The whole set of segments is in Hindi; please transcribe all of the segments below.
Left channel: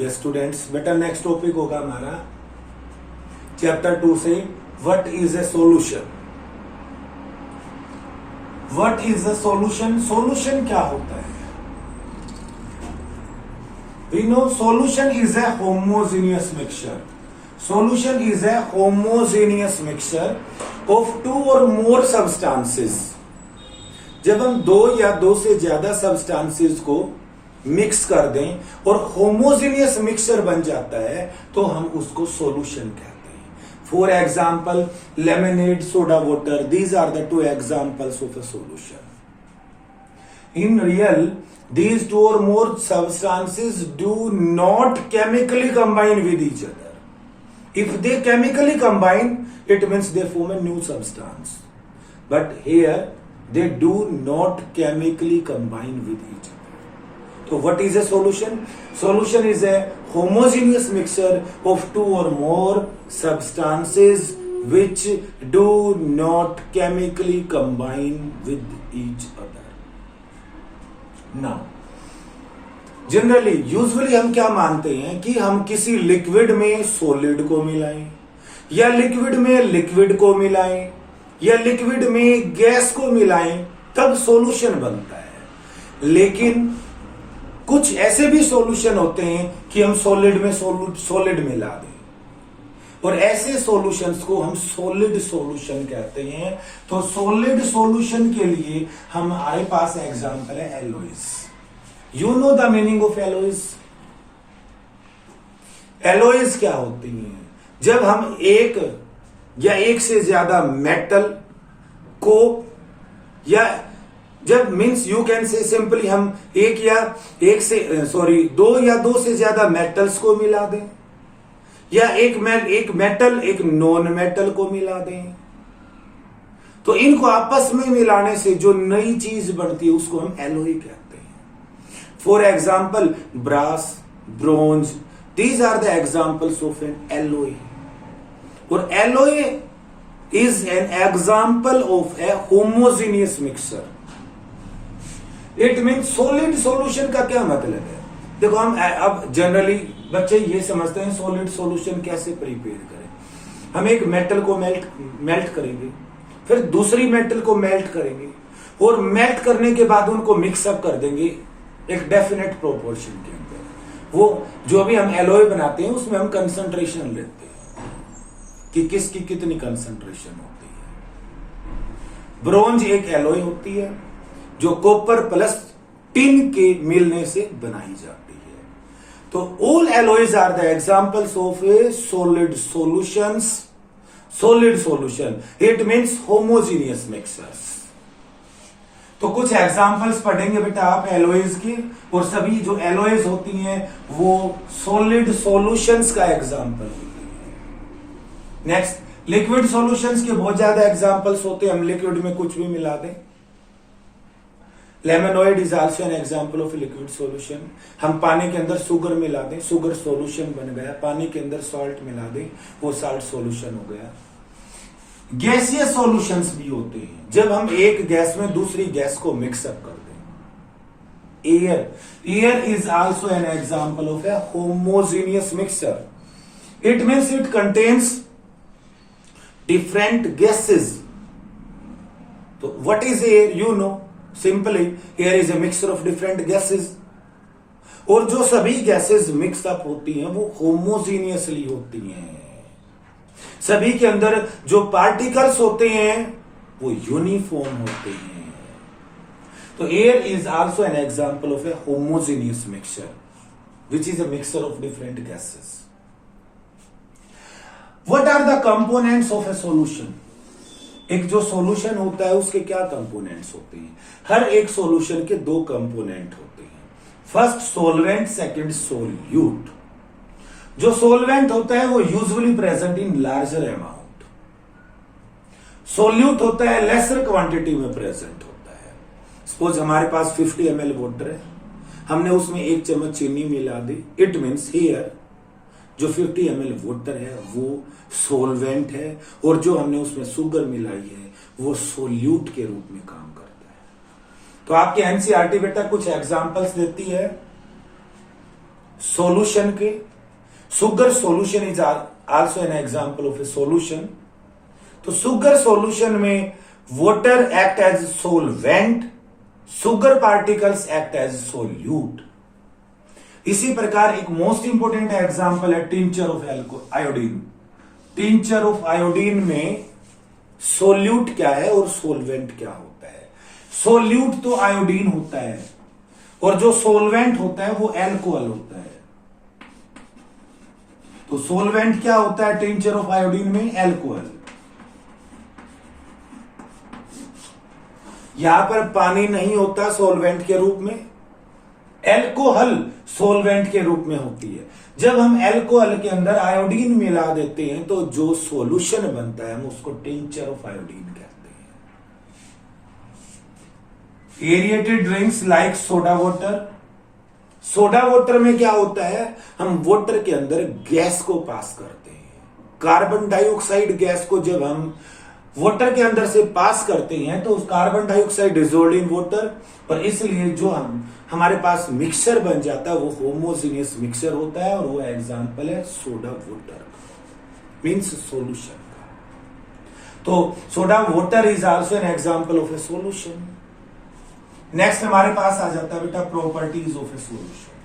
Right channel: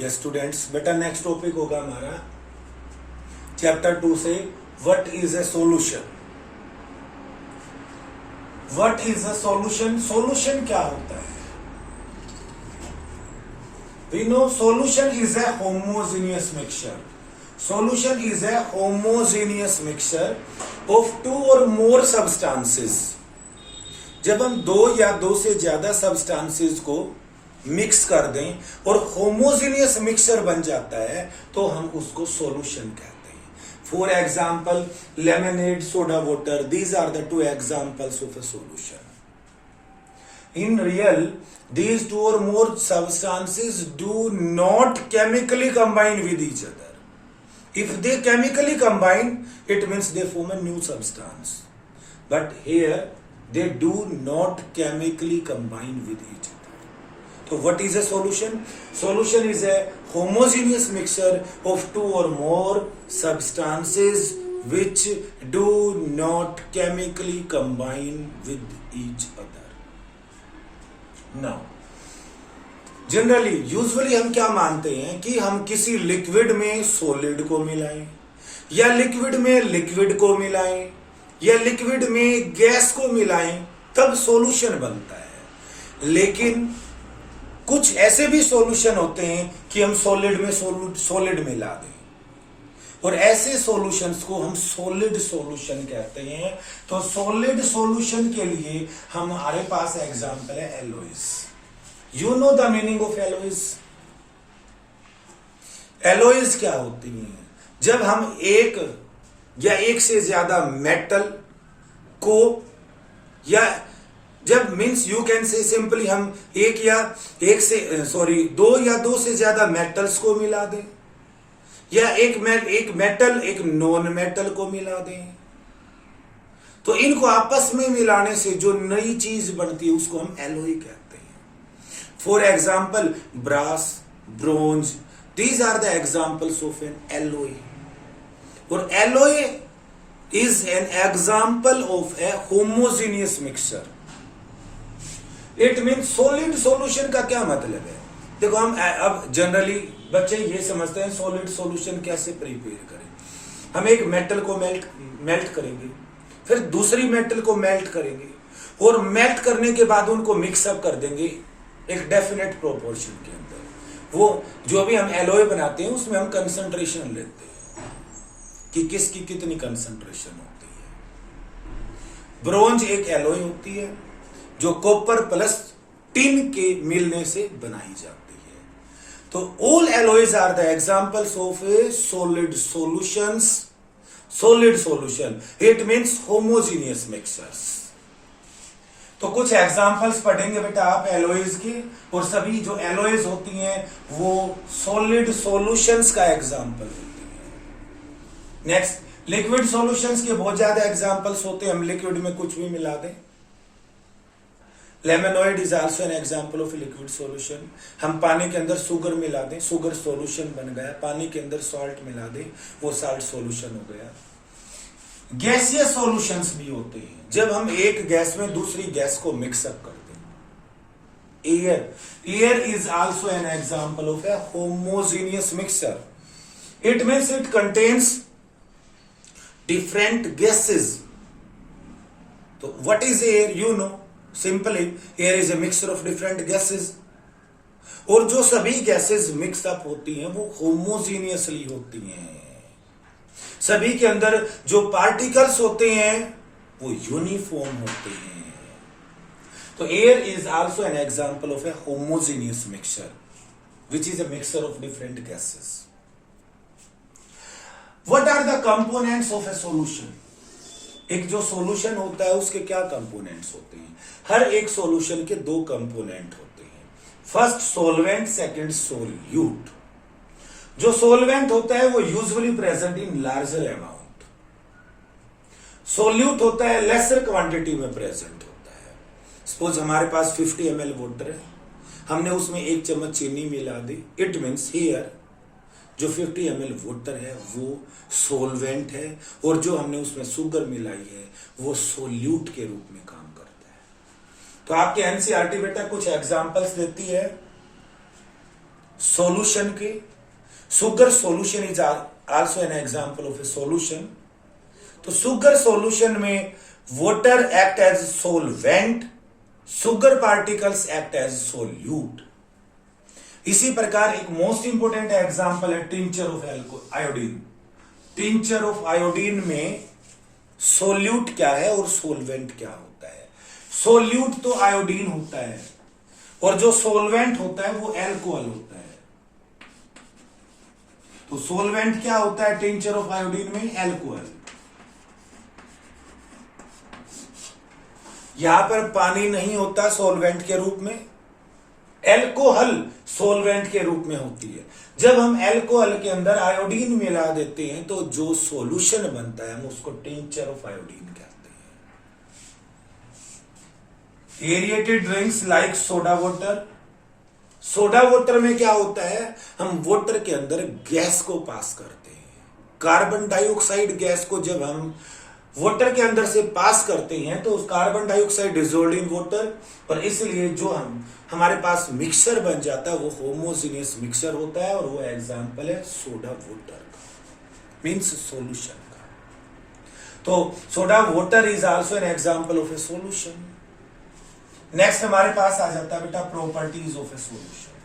ये स्टूडेंट्स बेटा नेक्स्ट टॉपिक होगा हमारा चैप्टर 2 से what is a solution. What is a solution? Solution क्या होता है? We know solution is a homogeneous mixture. Solution is a homogeneous mixture of two or more substances. जब हम दो या दो से ज्यादा सब्सटेंसेस को मिक्स कर दें और होमोजेनियस मिक्सचर बन जाता है तो हम उसको सॉल्यूशन कहते हैं। For example lemonade, soda water, these are the two examples of a solution. In real, these two or more substances do not chemically combine with each other. If they chemically combine, it means they form a new substance. But here, they do not chemically combine with each other. So what is a solution? Solution is a homogeneous mixture of two or more substances which do not chemically combine with each other. Now, generally usually हम क्या मानते हैं कि हम किसी लिक्विड में सॉलिड को मिलाएं या लिक्विड में लिक्विड को मिलाएं या लिक्विड में गैस को मिलाएं तब सॉल्यूशन बनता है। लेकिन कुछ ऐसे भी सॉल्यूशन होते हैं कि हम सॉलिड में सॉलिड मिला दें और ऐसे सॉल्यूशंस को हम सॉलिड सॉल्यूशन कहते हैं। तो सॉलिड सॉल्यूशन के लिए हमारे पास एग्जांपल है एलोइज। You know the meaning of एलोइज? एलोइज क्या होती है? जब हम एक या एक से ज्यादा मेटल को या जब means you can say simply हम दो या दो से ज्यादा मेटल्स को मिला दें या एक मेटल एक नॉन मेटल को मिला दें तो इनको आपस में मिलाने से जो नई चीज बनती है उसको हम एलोई कहते हैं। For example brass, bronze, these are the examples of an alloy. और alloy is an example of a homogeneous mixture. It mean solid solution का क्या मतलब है? देखो हम अब जनरली बच्चे ये समझते हैं सॉलिड सॉल्यूशन कैसे प्रिपेयर करें। हम एक मेटल को मेल्ट करेंगे, फिर दूसरी मेटल को मेल्ट करेंगे और मेल्ट करने के बाद उनको मिक्सअप कर देंगे एक डेफिनेट प्रोपोर्शन के अंदर। वो जो भी हम एलोय बनाते हैं उसमें हम कंसंट्रेशन लेते हैं कि किसकी कितनी कंसंट्रेशन होती है। ब्रोंज एक एलोय होती है जो कॉपर प्लस टिन के मिलने से बनाई जाती है। तो all alloys are the examples of a solid solutions. Solid solution it means homogeneous mixtures. तो कुछ एग्जांपल्स पढ़ेंगे बेटा आप एलोइज की, और सभी जो एलोइज होती हैं वो सॉलिड सॉल्यूशंस का एग्जांपल होती है। नेक्स्ट, लिक्विड सॉल्यूशंस के बहुत ज्यादा एग्जांपल्स होते हैं। हम लिक्विड में कुछ भी मिला दें। Lemonade is also an example of liquid solution. हम पानी के अंदर शुगर मिला दें, शुगर सॉल्यूशन बन गया। पानी के अंदर सॉल्ट मिला दें, वो सॉल्ट सॉल्यूशन हो गया। गैसियस सॉल्यूशंस भी होते हैं जब हम एक गैस में दूसरी गैस को मिक्सअप कर दें। Air is also an example of a homogeneous mixture. It means it contains different gases. तो what is air? You know simply air is a mixture of different gases. और जो सभी गैसेस मिक्सअप होती हैं वो होमोजीनियसली होती हैं। सभी के अंदर जो पार्टिकल्स होते हैं वो यूनिफॉर्म होते हैं। तो air is also an example of a homogeneous mixture which is a mixture of different gases. What are the components of a solution? एक जो सॉल्यूशन होता है उसके क्या कंपोनेंट्स होते हैं? हर एक सॉल्यूशन के दो कंपोनेंट होते हैं। First solvent, second solute. जो सोलवेंट होता है वो usually present in larger amount. Solute होता है लेसर क्वांटिटी में प्रेजेंट होता है। सपोज हमारे पास 50 ml वाटर है, हमने उसमें 1 चम्मच चीनी मिला दी। इट मीन्स हियर जो 50 ml वाटर है वो सोलवेंट है और जो हमने उसमें शुगर मिलाई है वो सोल्यूट के रूप में काम करता है। तो आपके एनसीईआरटी बेटा कुछ एग्जांपल्स देती है सॉल्यूशन के। Sugar solution is also an example of a solution. तो सुगर सॉल्यूशन में water act as solvent, sugar particles act as solute. इसी प्रकार एक मोस्ट इंपोर्टेंट एग्जांपल है tincture of iodine. Tincture of iodine में सोल्यूट क्या है और सोलवेंट क्या होता है। सोल्यूट तो आयोडीन होता है और जो सोलवेंट होता है वो एल्कोहल होता है। तो सोलवेंट क्या होता है टिंचर ऑफ आयोडीन में? एल्कोहल। यहां पर पानी नहीं होता सोलवेंट के रूप में, एल्कोहल सोलवेंट के रूप में होती है। जब हम एल्कोहल के अंदर आयोडीन मिला देते हैं तो जो सॉल्यूशन बनता है हम उसको टिंचर ऑफ आयोडीन कहते हैं। Aerated drinks like soda water. Soda water में क्या होता है, हम वाटर के अंदर गैस को पास करते हैं। कार्बन डाइऑक्साइड गैस को जब हम वाटर के अंदर से पास करते हैं तो carbon dioxide dissolved in water, और इसलिए जो हमारे पास मिक्सचर बन जाता है वो होमोजीनियस मिक्सचर होता है, और वो एग्जांपल है सोडा वाटर मींस सॉल्यूशन का। तो soda water is also an example of a solution. Next हमारे पास आ जाता है बेटा प्रॉपर्टीज ऑफ ए सॉल्यूशन।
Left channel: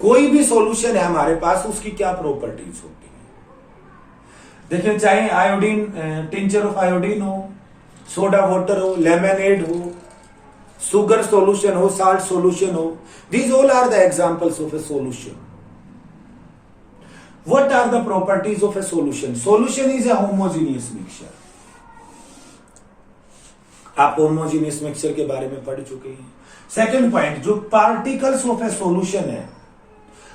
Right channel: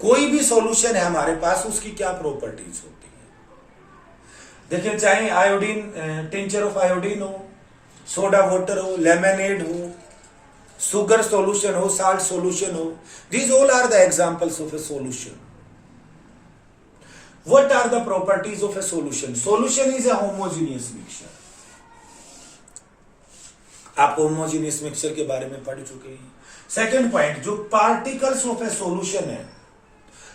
कोई भी सॉल्यूशन है हमारे पास, उसकी क्या प्रॉपर्टीज होती है। देखिए, चाहे आयोडीन टिंचर ऑफ आयोडीन हो, सोडा वाटर हो, लेमनेड हो, सुगर सॉल्यूशन हो, साल्ट सॉल्यूशन हो, these all are the examples of a solution. What are the properties of a solution? Solution is a homogeneous mixture. आप होमोजीनियस मिक्सचर के बारे में पढ़ चुके हैं। सेकेंड पॉइंट, जो पार्टिकल्स ऑफ ए सॉल्यूशन है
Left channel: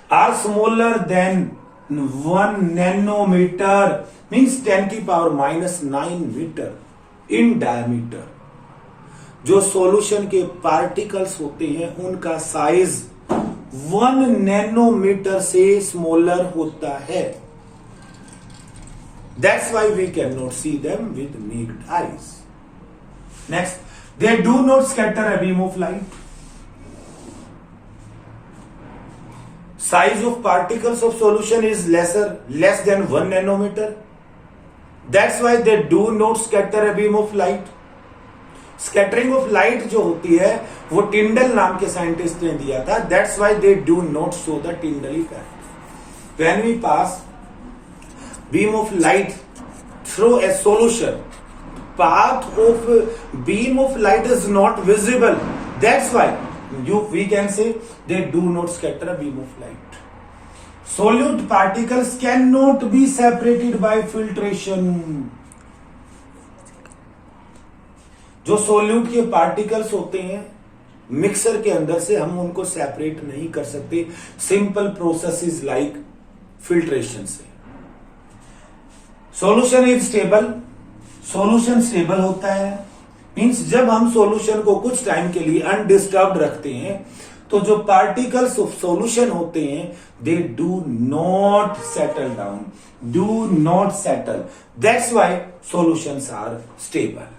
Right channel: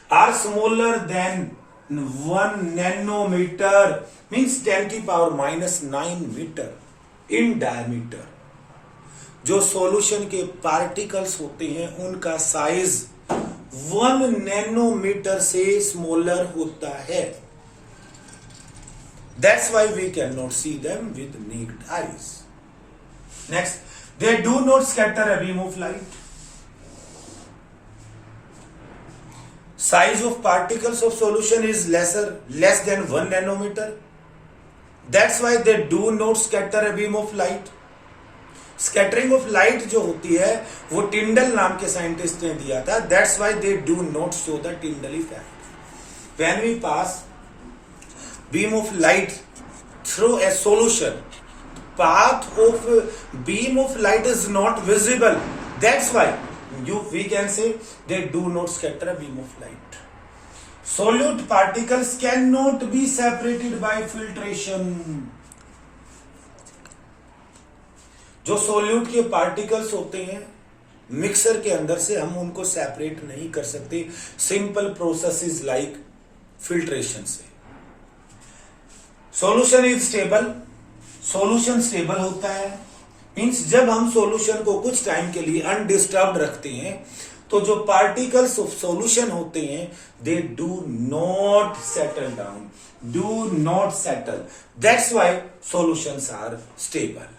are smaller than 1 nanometre means 10 की पावर -9 मीटर इन डायमीटर। जो सॉल्यूशन के पार्टिकल्स होते हैं उनका साइज 1 नैनोमीटर से स्मॉलर होता है। That's why we can not see them with naked eyes. Next, they do not scatter a beam of light. Size of particles of solution is less than 1 nanometer. That's why they do not scatter a beam of light. Scattering of light जो होती है वो टिंडल नाम के साइंटिस्ट ने दिया था। That's why they do not show the Tyndall effect. When we pass beam of light through a solution, path of beam of light is not visible. That's why we can say they do not scatter a beam of light. Solute particles cannot be separated by filtration. जो सोल्यूट के पार्टिकल्स होते हैं मिक्सर के अंदर से हम उनको सेपरेट नहीं कर सकते सिंपल प्रोसेस लाइक फिल्ट्रेशन से। Solution is stable. Solution stable होता है मींस जब हम सॉल्यूशन को कुछ टाइम के लिए अनडिस्टर्ब्ड रखते हैं तो जो पार्टिकल्स ऑफ सॉल्यूशन होते हैं they do not settle down, do not settle. That's why solutions are stable.